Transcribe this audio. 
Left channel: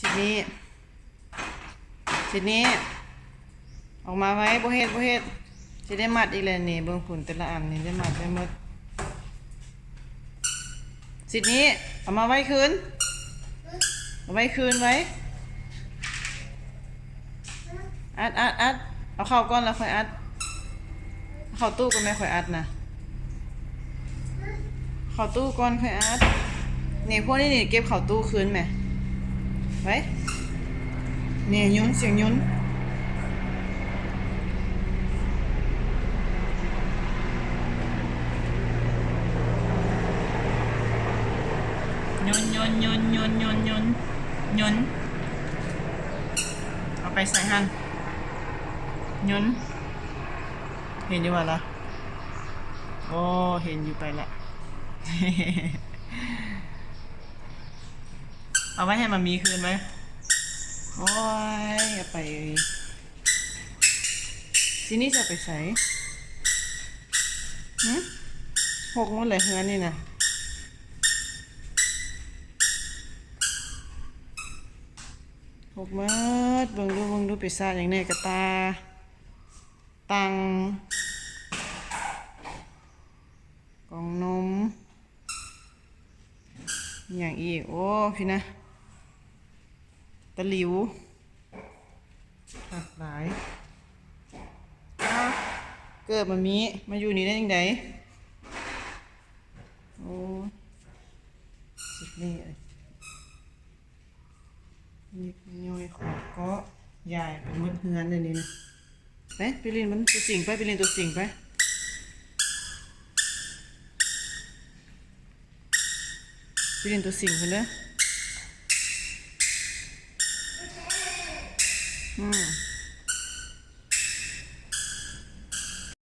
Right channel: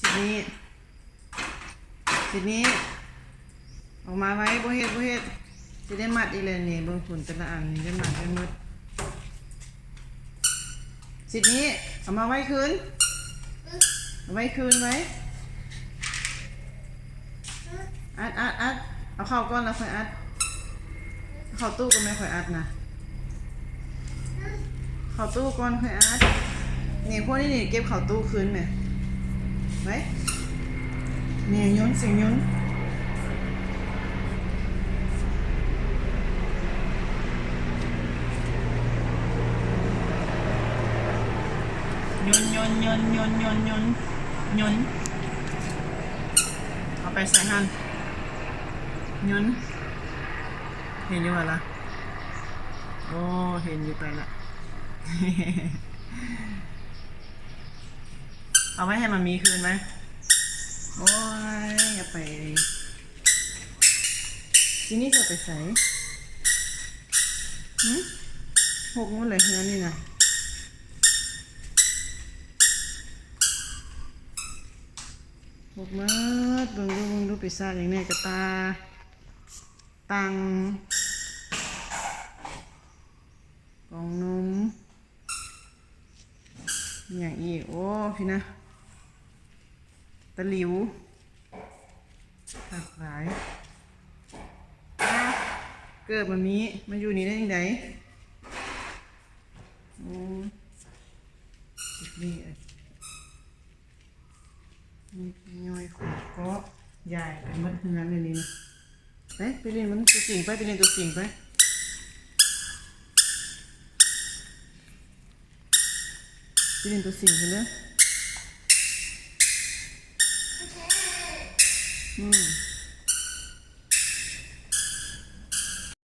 สินี้ออกมาไว้บ่เฮ็ดสิได้มัดอีกแล้วนี่เบิ่งผลแต่ละอันนี่ได้มัดได้หมดสินี้เอามาไว้คืนเอาไว้คืนไว้อัดเอาเข้าก่อนแล้วค่อยอัดเข้าตู้ก็ไม่ค่อยอัดนะเข้าตู้ก่อนค่อยอัดนี่พวกนี้นี่เก็บเข้าตู้คืนไหมไว้นี่ยุ้นเสียงยุ้นยุนเอาไปใส่หั่นยุนเห็นอยู่ว่าล่ะโอ้เห็นอยู่ไปละ เอาไว้ให้มันมีคืนไหมโอ้ยเอาไปทีนี้จะไปใส่หกมันเลยเฮือนี่นะหกมืดเบิ่งดูปีศาจอย่างนี้กระตาตังกองนมอย่างอีกโอ้พี่นะตะหลิวหักหลายเกิดมาอยู่นี่ได้ยังไงโอ้สินี่ย่อยขอดก็ใหญ่มันเฮือนเลยนี่ไปเรียนมันตัวสิ่งไปเรียนตัวสิ่งไปเรียนตัวสิ่งเห็นไหม